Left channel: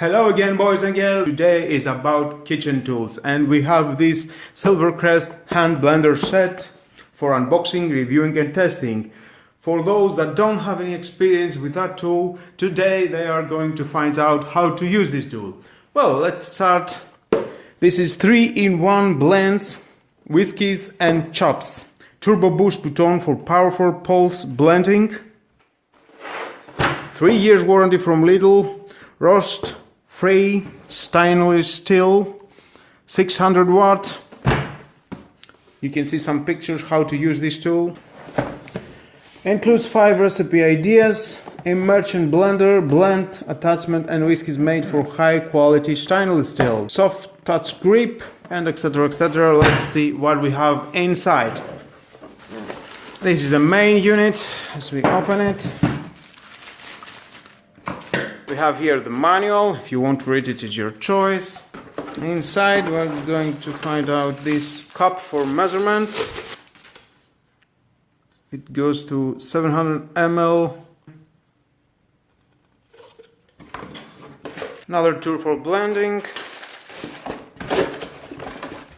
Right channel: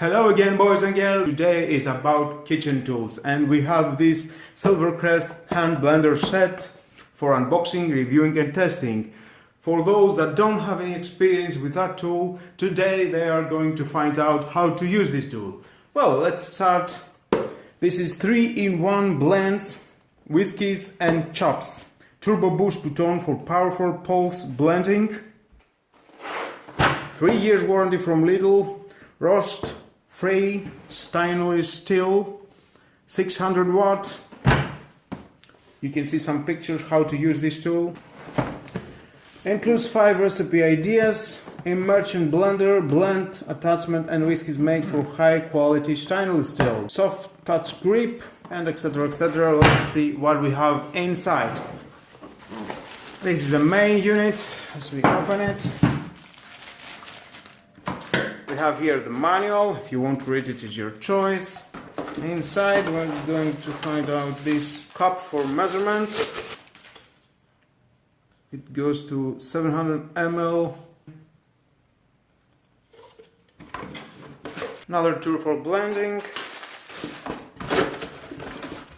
Hello again, boys and girls. Today is about kitchen tools, and we have this Silvercrest hand blender set for unboxing, reviewing and testing. For those that don't have any experience with that tool, today they are going to find out how to use this tool. Well, let's start. This is 3-in-1 blends, whiskies and chops. Turbo boost button for powerful pulse blending. 3 years warranty from Lidl. Roast free stainless steel, 600 watt. You can see some pictures how to use this tool. Includes 5 recipe ideas, a merchant blender, blend, attachment and whiskies made for high quality stainless steel, soft touch grip and etc, etc. Let's see what we have inside. This is the main unit. As we open it, we have here the manual. If you want to read it, it's your choice. Inside we're going to find out this cup for measurements. It goes to 700 ml. Another tool for blending.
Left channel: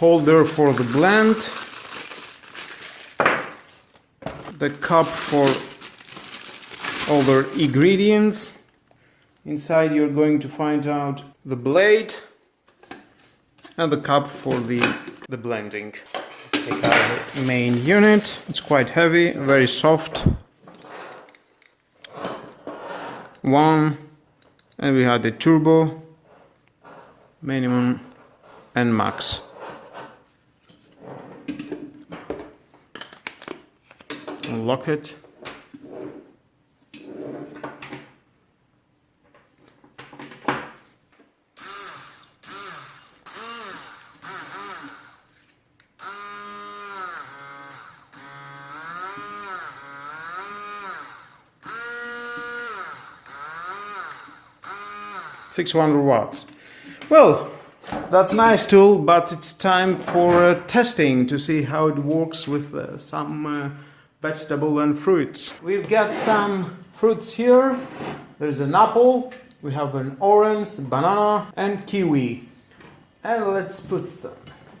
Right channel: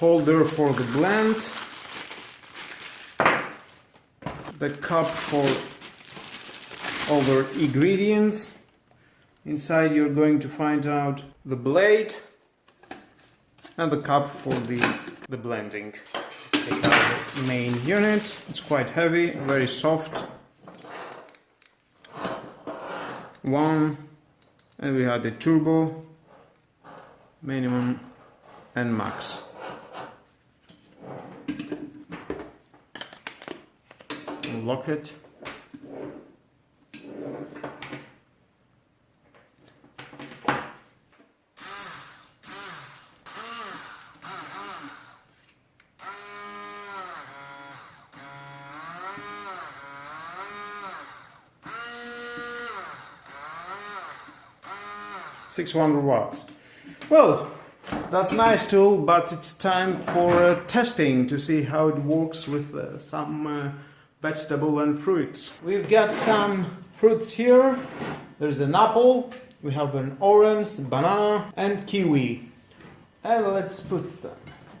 Holder for the blend. The cup for other ingredients. Inside you're going to find out the blade and the cup for the blending. Take out the main unit. It's quite heavy, very soft. One, and we have the turbo, minimum and max. Unlock it. $600 watts. Well, that's a nice tool, but it's time for testing to see how it works with some vegetable and fruits. We've got some fruits here. There's an apple, we have an orange, banana and kiwi. And let's put some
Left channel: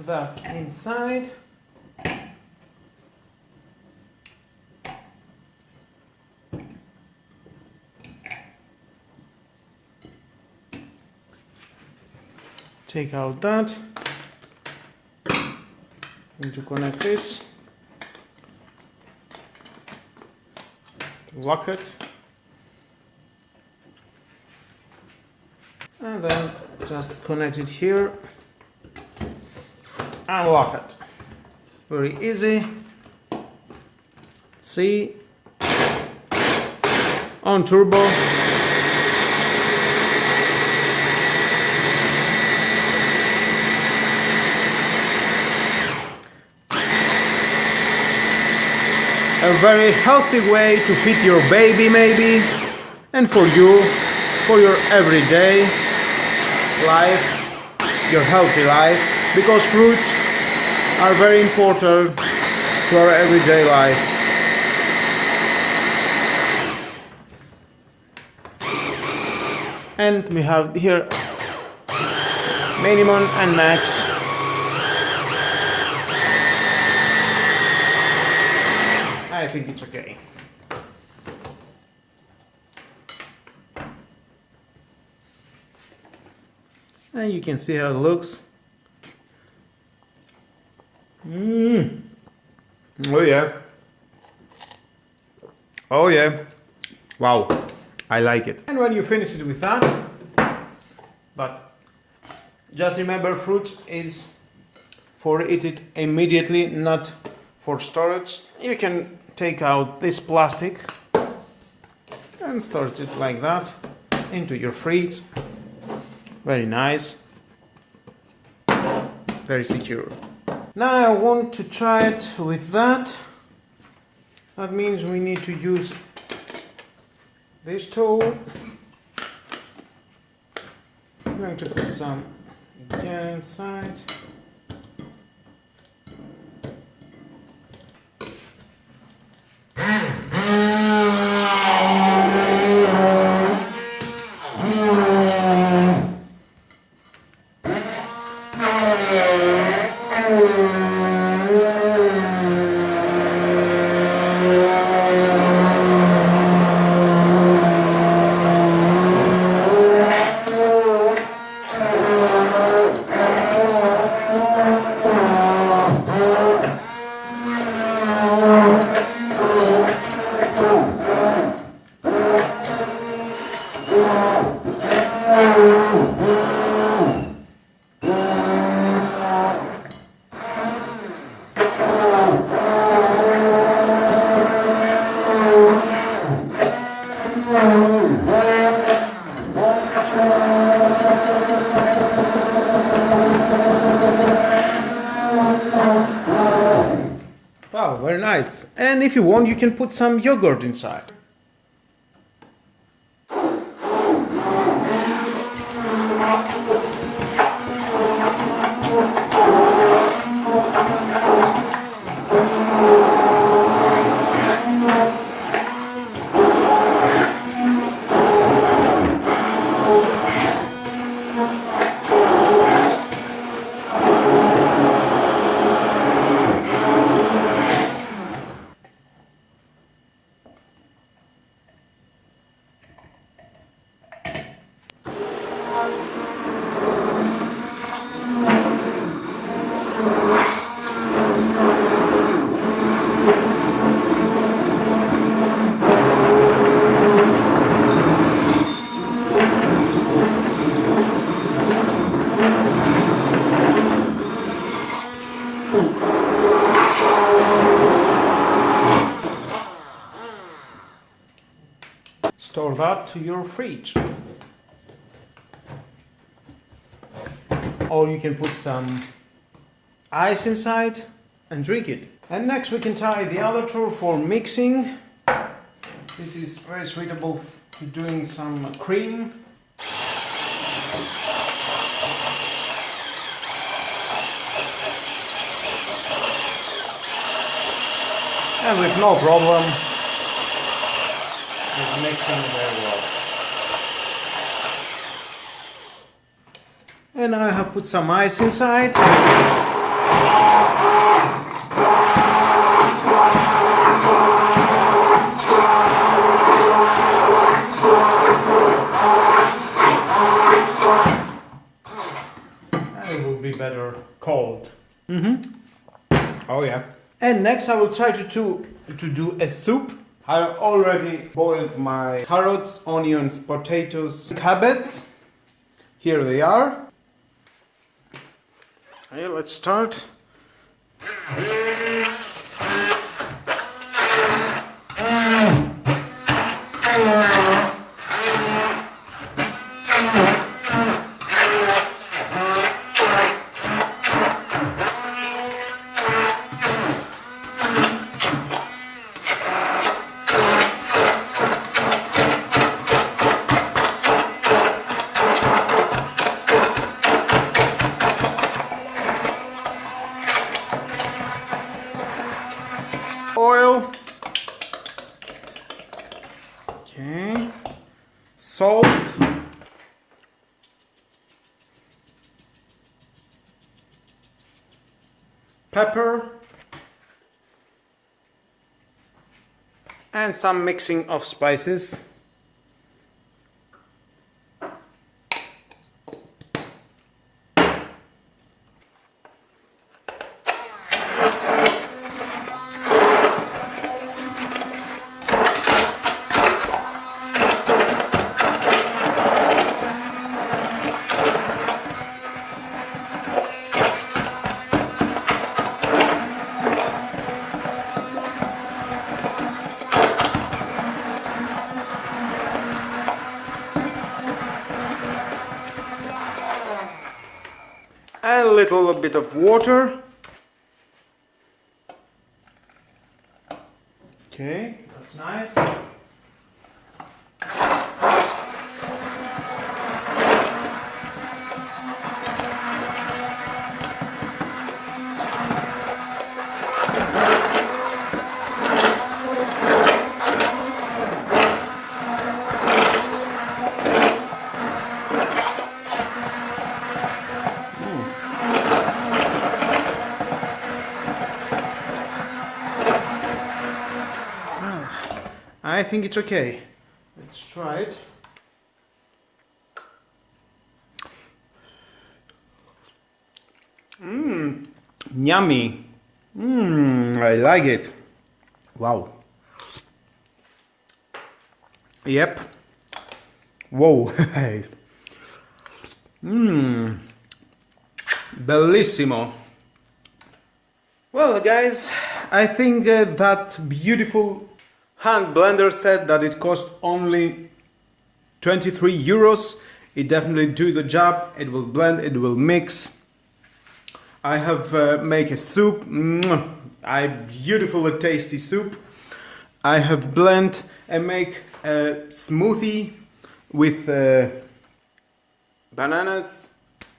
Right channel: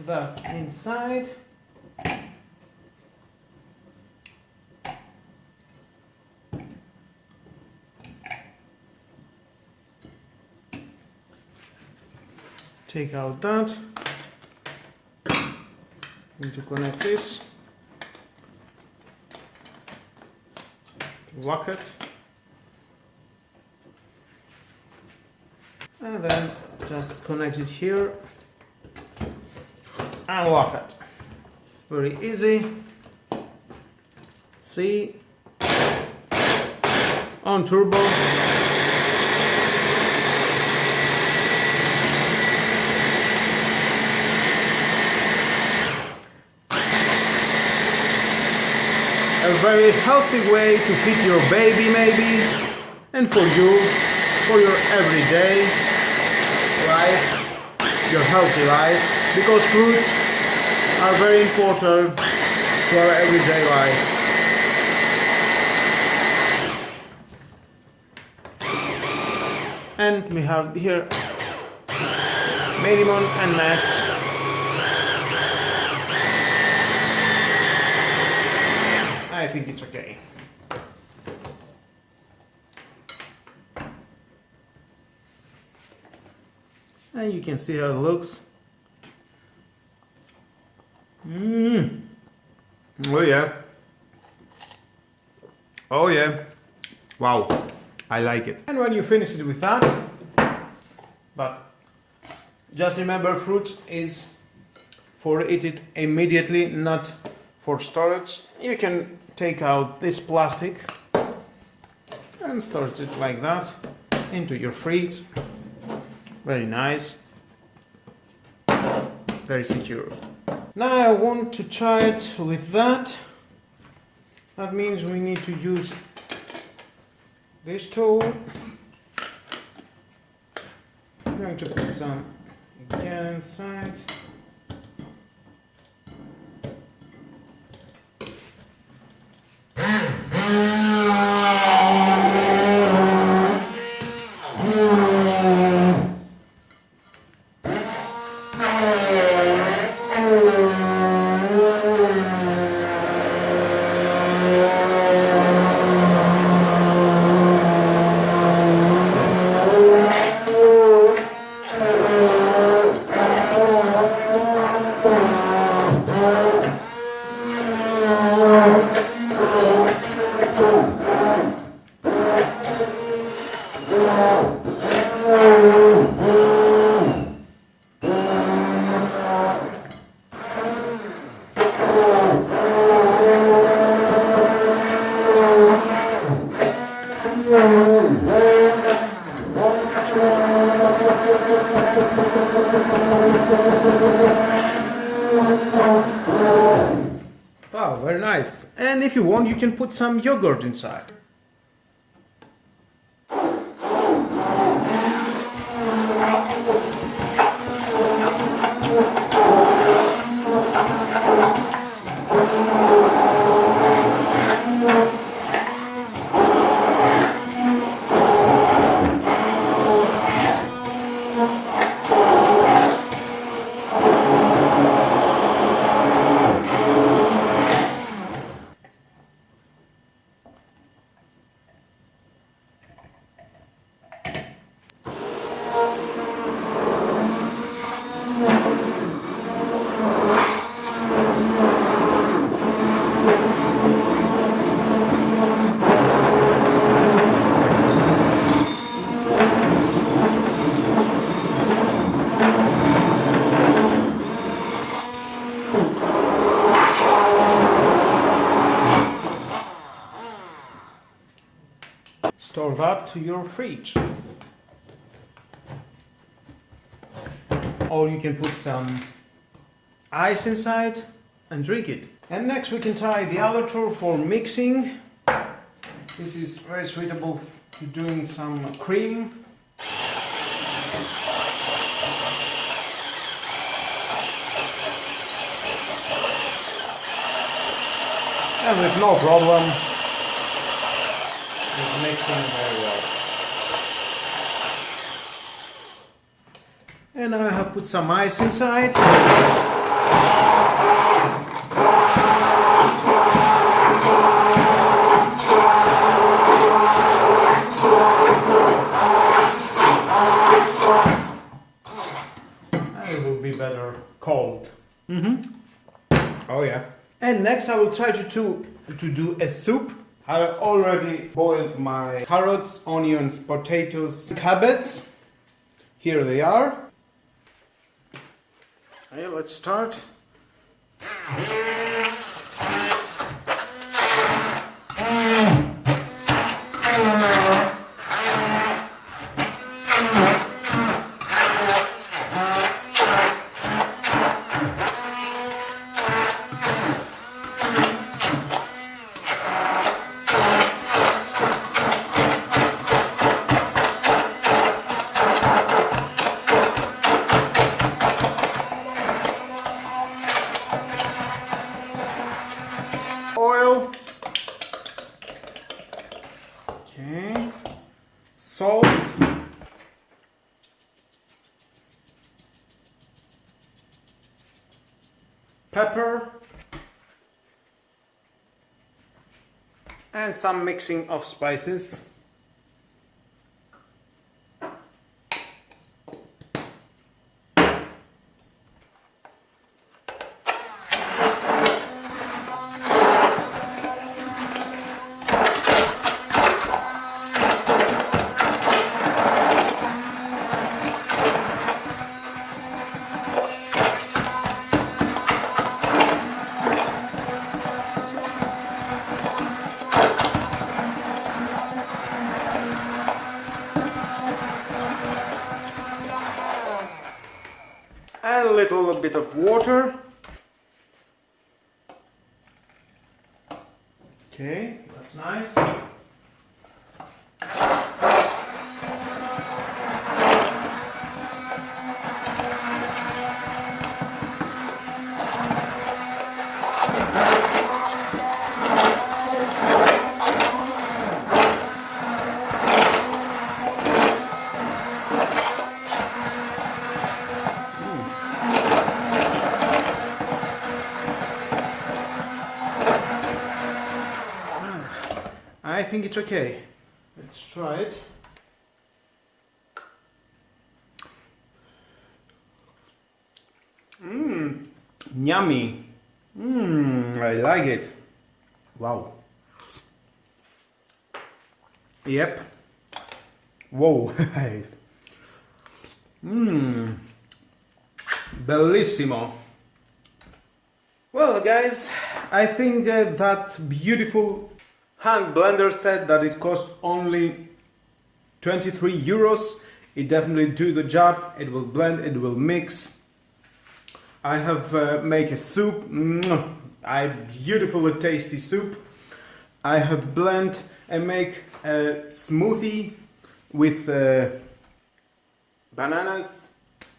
of that inside. Take out that. Need to connect this. Lock it. And then just connect it here. And lock it. Very easy. See? On turbo. A very healthy way to feed your baby maybe, and for you, for your everyday life, your healthy life, because fruits are very important to our everyday life. And we have here minimum and max. I think it's okay. And you can see how it looks. Oh yeah. Oh yeah. Wow. I like it. And when you finish it with that, but just remember, fruit is for eat it immediately, not for storage. You can take out this plastic and store it like that into your fridge. Very nice, very secure. Now I want to try it with that. That means we need to use this tool. I'm going to put some again inside. Wow, very nice. And if you want, you can put some yogurt inside. Store that to your fridge. Or you can put some ice inside and drink it. And next we can try the other tool for mixing. This is very suitable to doing some cream. And with no problem, it's mixing very well. And I have put some ice inside. And it will be better cold. Oh yeah. And next I will try to do a soup. I already boiled my carrots, onions, potatoes, cabbage. Here they are. Okay, let's start. Oil, okay, salt, pepper, and some mixing of spices. And a little bit of water. Okay, that's nice. I think it's okay. Let's try it. Yummy. I like it. Wow. Yep. Whoa. Bellissimo. Well, guys, I think that beautiful hand blender set that it cost only 23 euros It definitely do the job. It will blend, it will mix. I have make a soup, a beautiful tasty soup. I have blend and make a smoothie with bananas,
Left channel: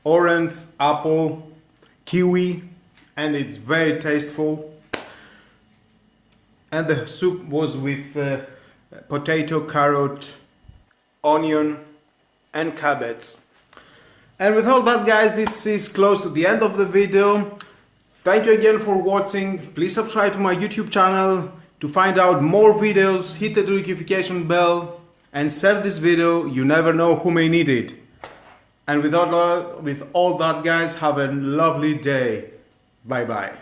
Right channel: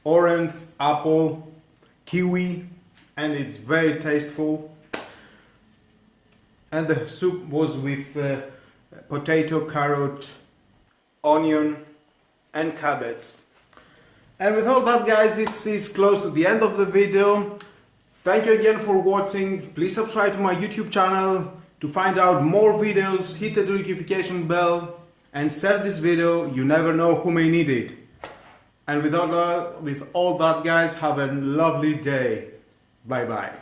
orange, apple, kiwi, and it's very tasteful. And the soup was with potato, carrot, onion and cabbage. And with all that, guys, this is close to the end of the video. Thank you again for watching. Please subscribe to my YouTube channel to find out more videos. Hit the notification bell and share this video. You never know who may need it. And with all that, guys, have a lovely day. Bye bye.